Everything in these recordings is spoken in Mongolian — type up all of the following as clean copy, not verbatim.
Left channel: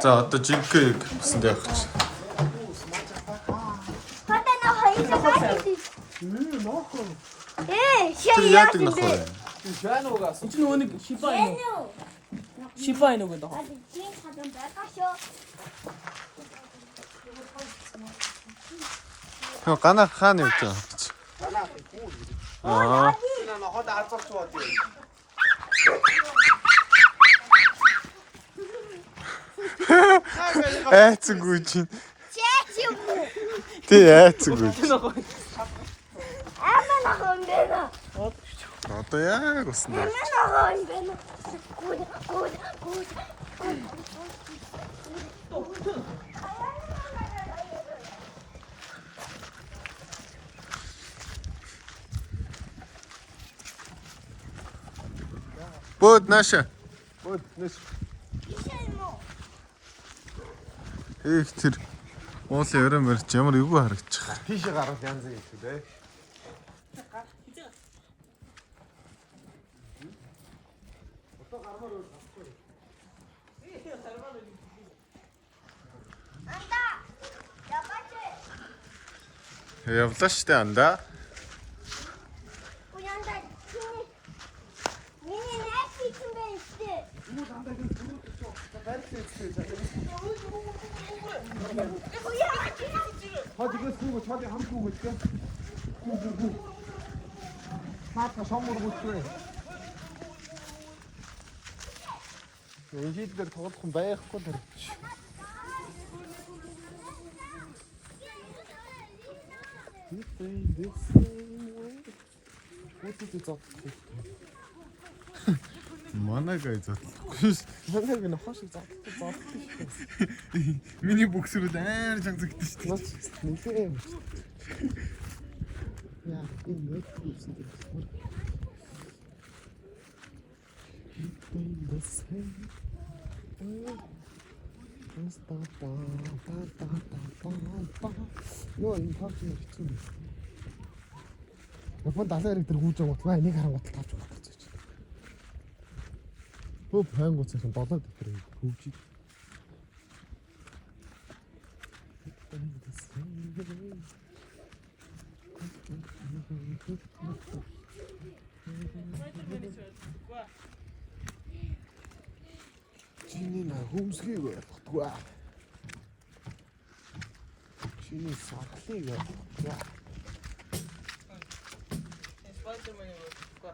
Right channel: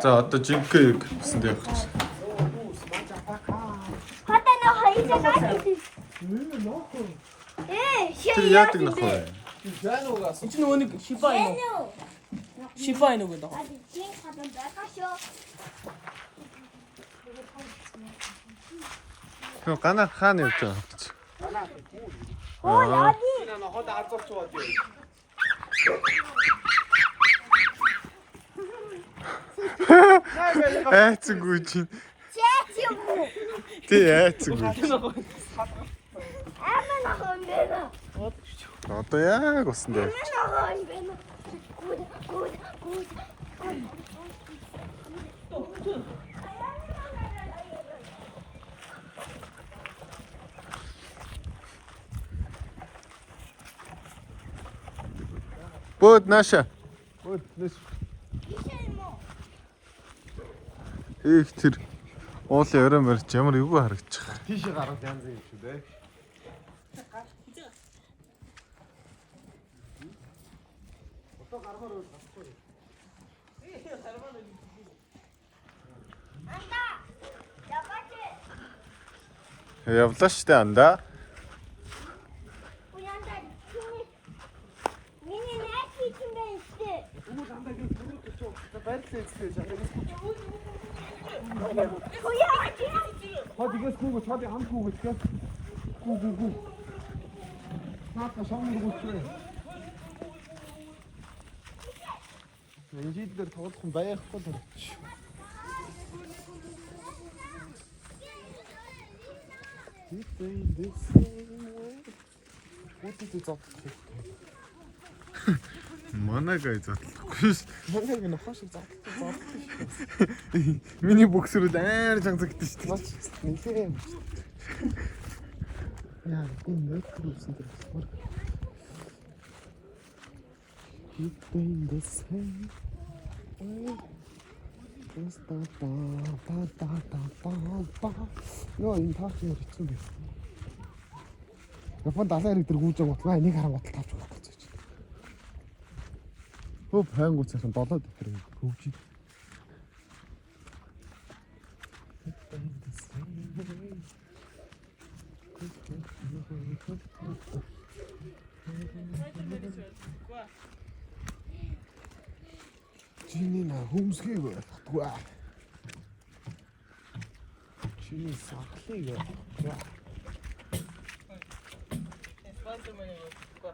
За одоо жинхэнэ гэсэнд явах гэж. Хата на хоёроо Тэр яадаг нах вэ? Пианогаас. Энд нөгөө нэг Шиба энэ үг даа. чин хатан байгаашоо. Хөө гана хаана явж байгаа гэж. Аа. Энэ хот азарч бод юу. Айцгүй чинь. Чээч юм уу? Тий айцгүй. Амана хондена. Одоо яг усан дээр. Амана хондена. Бод наша. Бод нэс. Их тэр уулын өрөө мөрч ямар эвгүй харагдчих. Тийшээ гарах янз юм шүү дээ. Одоо гармаар уу гасхгүй. Анда. Ябаач. Явлаа штэ анда. Уянда. Миний найз чинь байна штэ. Хүмүүс андаа ингэ барьлаа гэж. Хад игээс гүг чад хамт гүг гэж. Гүг. Маата сомор гүчрээ. Энд дээр туулсан байхгүй тэр. Манайгаа задлахгүй. Манайг нь хошиг заа. Миний бөксөрүүд амар чангагдчих шүү дээ. Нэлээ юм. Яа, энэ мэтрүүсэн дээр. Keeping the same. Йоо, энэ парк нь хэцүү юм. Японд далайн хэрэг дээр гүйж байгаа утгаа энийг харан батал тавьж өгөх гэж. Төв хайнгуут цаасан 7 дэвтэр хөвж. Чиний на хүмсгийг байхгүй. Чиний сахлыг байхгүй. Спонсор мань уу.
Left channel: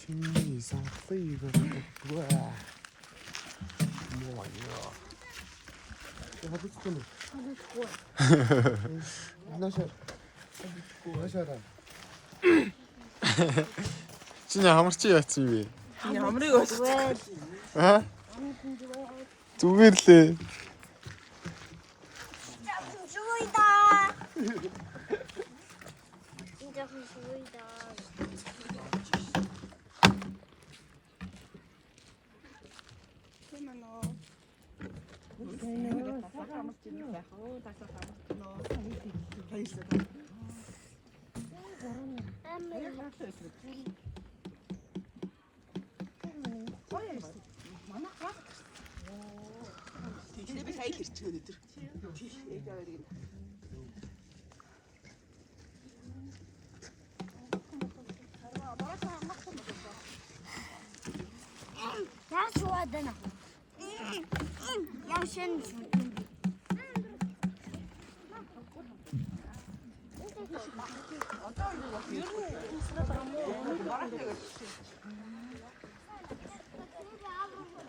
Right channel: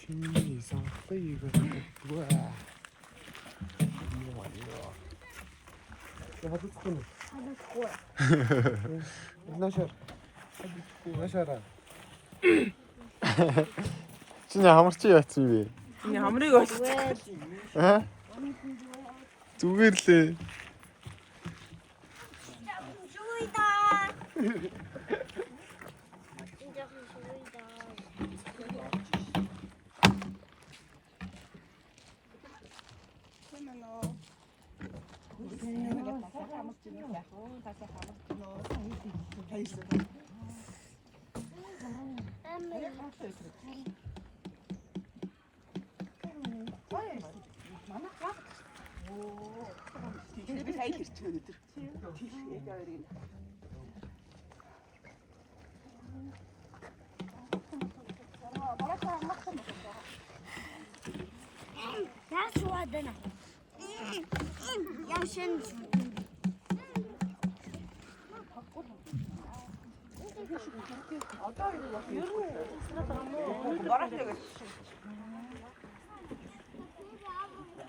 Чиний сахлыг байхгүй. Яа. Я хочу. Наша. Ашара. Чиний хамарч яатсан бэ? Би хамрыг олчих. Аа? Зүгээр лээ. Шуйда. Идэхэн шуйда. Тэгэхээр би сайн хэрчээ өнөдөр. Я шуадана. Я шен.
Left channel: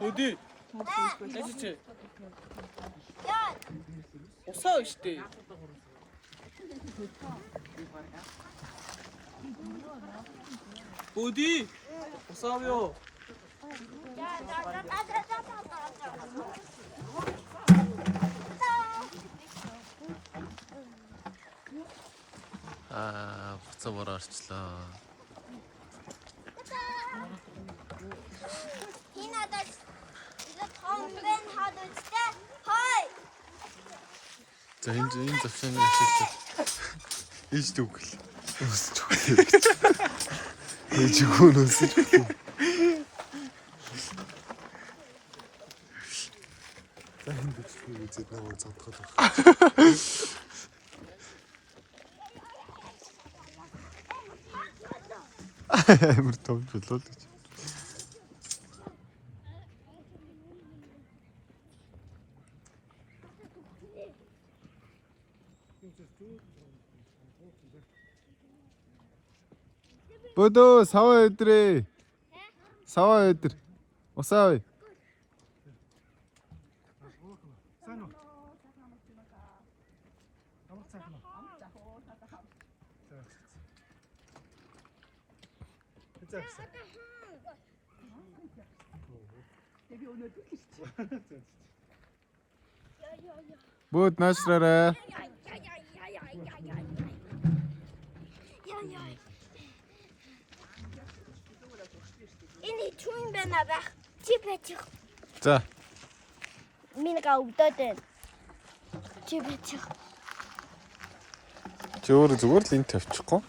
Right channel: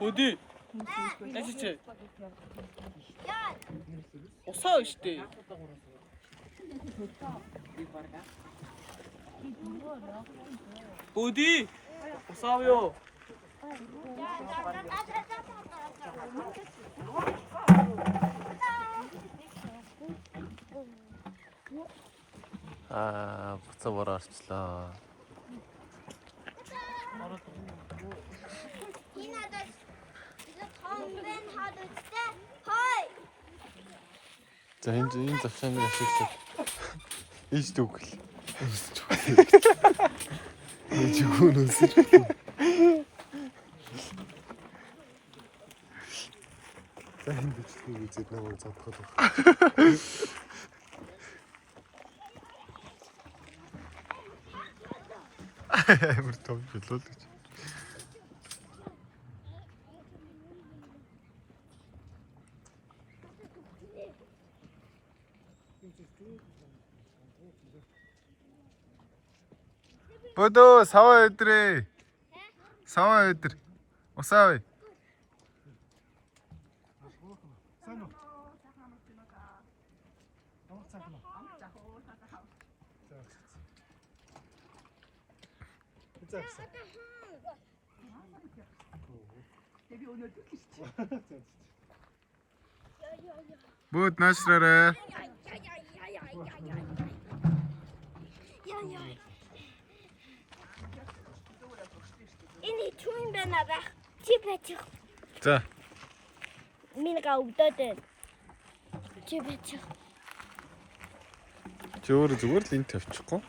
Өдөө. Ажиж. Усаа штэ. Өдөө. Усаа ёо. Буцаа бораарчлаа. Хинадас. Ихэд хомбен хадуцтай. Хой. За энэ завсааны ашиглаж ээж дүүгэл. Өсч өгөө. Ээж өгөө өсч өгөө. энэ бичлэг үзээд нэг задгал. Амар том болоо. Бодо сава өдрөө. Сава өдөр. Усаа. Бод наашраарай. Энэ чүн байна байх. Чи бачих. За. Минийга өвдөд байна. Чи бачих. Чи өөрөө зүгээр л энэ тавьчихгүй.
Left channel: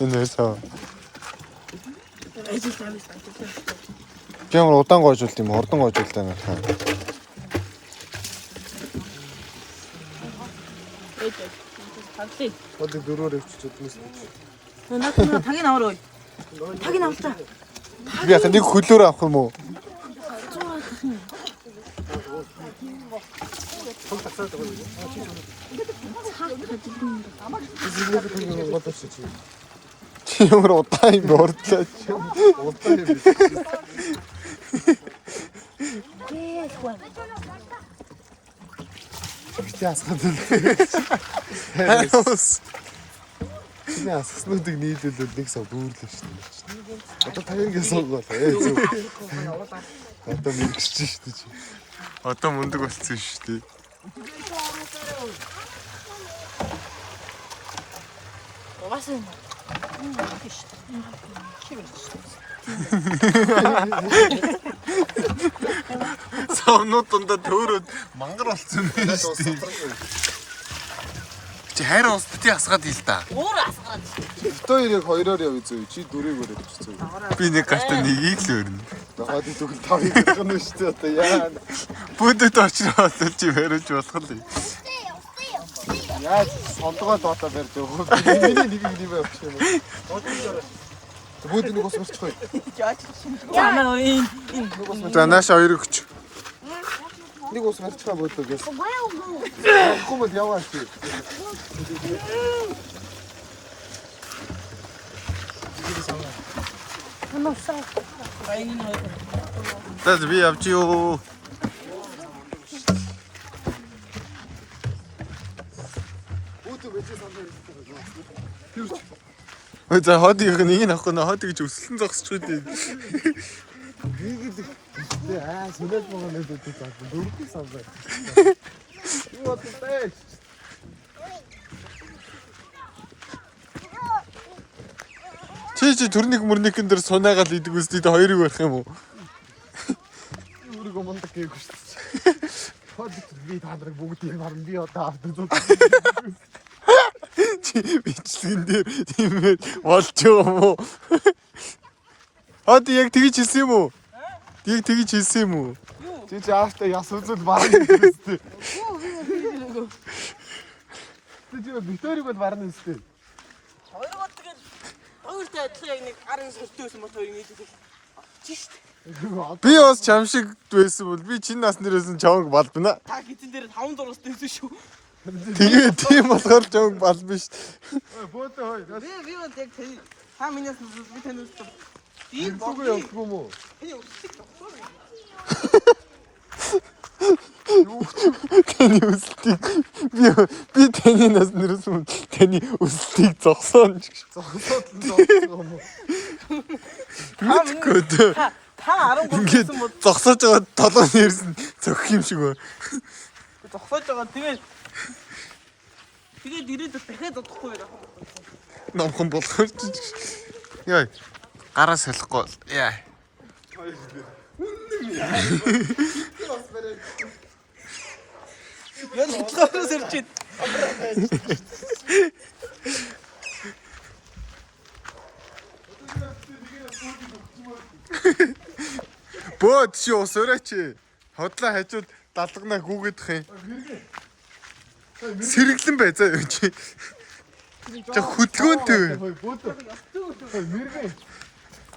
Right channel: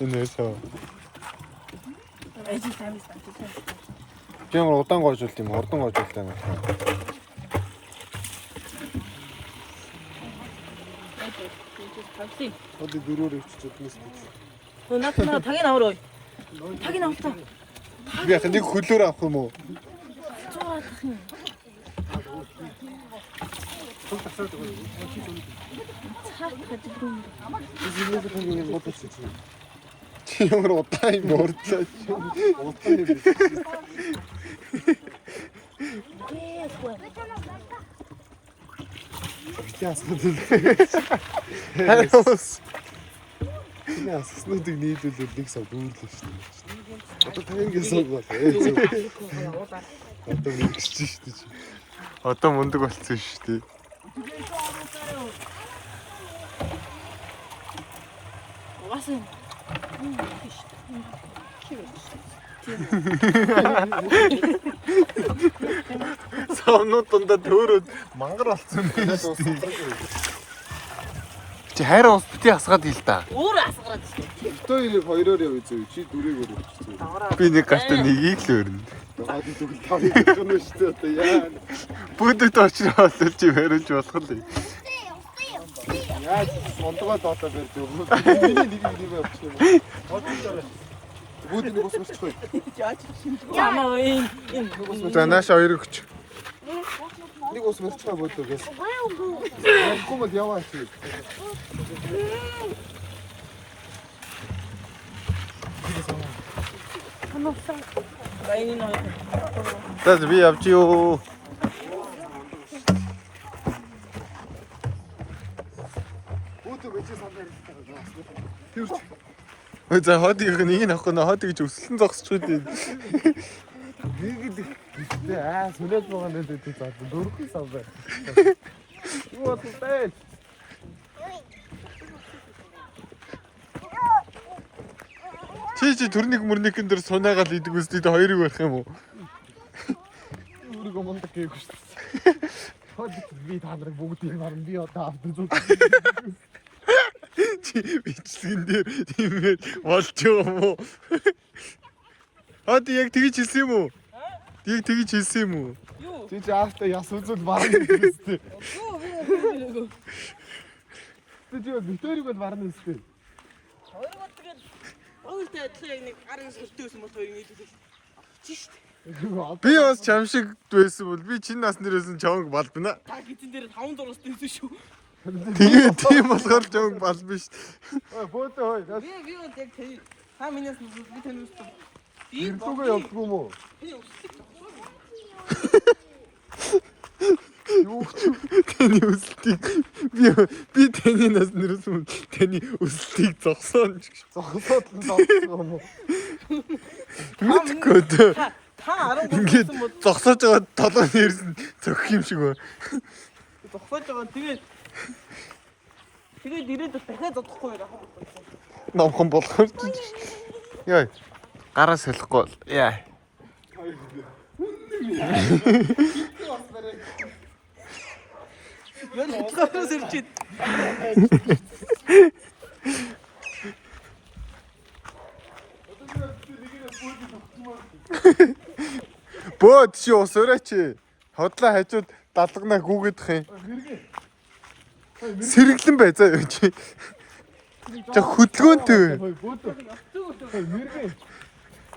Энэ сав. Ямар удаан гоожуулт юм, урдан гоожуулт юм аа. Ходи дөрөөр өвччихсэн юм. Наа тагийн авраа. Тагийн авалтаа. Би яхаа нэг хөлөөр авах юм уу? Чи ямар удаан юм урдлаач. Хайрус. Яаснуудыг нийлүүлээд нэг сав бөөрлөө шүү дээ. Одоо тагингээс суугаад байна. Одоо мөнгөч шүү дээ. Одоо мундаг болцсон шүү дээ. Угаасаа Савнууд дундаа төөрөөд мангар болсон байна шүү дээ. Чи хайраа ус бити асгаад ил да. өөр асгараад шүү. Хоёрыг хоёроор явъя зөө. Чи дөрөв өрөө гэж зөө. Би нэг гартаа нэгийг л өрнө. Ходи тэгвэл тавыг гэнэ шүү дээ. Одоо яа. Бүдэд очроод чи барьж болох л. Яаж сондгоо доотоо барьж өгөө. Миний нэг юм авчих юм. Бүгд нэг ус урчих. Замаа энэ. За нааш хоёр өгч. Нэг ус барьчихаа бөдлөө гэж. Авахгүй мод яваа шүү. За би явж юу. За ходыг нэг нь авахгүй нэ ходыг гэж өсөлтөн зогсчих үү. Сүлээд байгаа нэг дээ за дөрөвдүгээр сав байна. Юу болтой? Чи төрник мөрникэн дээр сунаагаад идэг үстэй хоёрыг барих юм уу? Өөрийгөө мундаг гээгүй шүү дээ. Ход би та нарыг бүгдийг харна би одоо авдаг зүг. Чи бичлэгэн дээр тиймээ болж байгаа юм уу? Хад яг тэгж хэлсэн юм уу? Яг тэгж хэлсэн юм уу? Чи аавтаа яс үзэл барна гэсэн. Чи битэрийг бол барна гэсэн. Өөртөө адилхан яг нэг арын сэртөөсөн бол хоёр мэдээ. Би бас чам шиг байсан бол би чинь нас нэрсэн чамаг балбана. Та гизэн дээр 5 зургаас дэвсэн шүү. Тэгээ тийм болохоор чамаг балбана ш. Бөөдөө хой. Би бол яг та минийс би таньд ийм Зүгөө явдгүй юм уу? Таны өсөлтийг би таны нас нэрсэн таны өсөлтийг зогсоон ч гэж. Зогсоод зогсох юм уу? Мэдгүй дээ. та 10 Ингээд зогсоож байгаа толгой нэрсэн зөгх юм шиг байна. зогсоож байгаа. Тэгээд ирээд дахиад зодохгүй яах вэ? Номхон болохоор ч. Яа. Гараа солихгүй. Яа. Яг хутгаараа сэрчээд. Бод чи ус өрөөч. Хотлоо хажууд далгана гүгэдэх юм. Сэргэлэн бай заа юу чи. За хөдөлгөөнтэй. Хой бод. Хой мэргэн.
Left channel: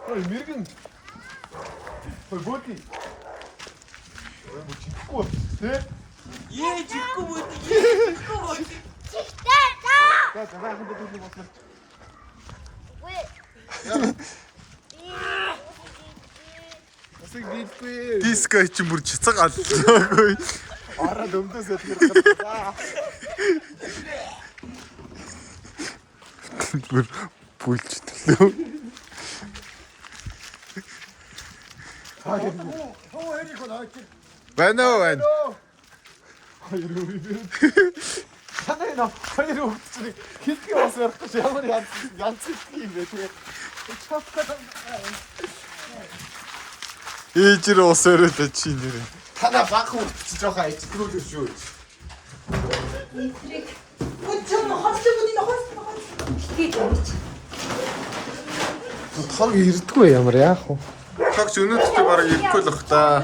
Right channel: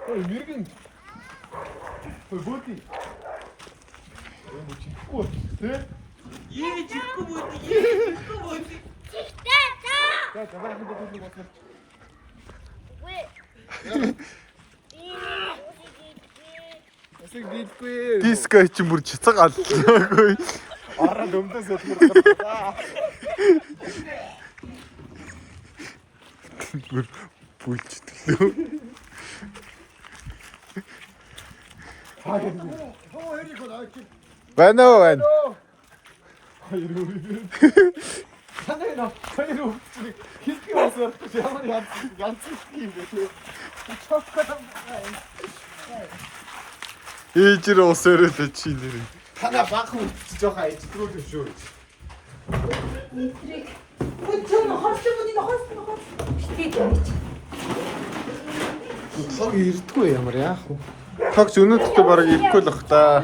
Хой мэргэн. Хой боди. Чихгүй. Тэ? Ээ жихгүй бод. За дахин бодвол бодлоо. Үгүй. Асыг дийхгүй. Диско чи бүр чицэг аллаагүй. Орон дөмдөөс ялгарлаа. Бүр бүлчтэй. Байна уу? Хоёр үгүй. Танай нөө хоёр үгүй. Хитгэн бас ярих гэж ямар янз юм бэ те. Ээжэр ус өрөөд чи нэр. Танай баахан үтчих жоохон ичдгүүл шүү. Тог ирдгүй ямар яах вэ? Тогч өнөөдөө бараг ирэхгүй л бах та.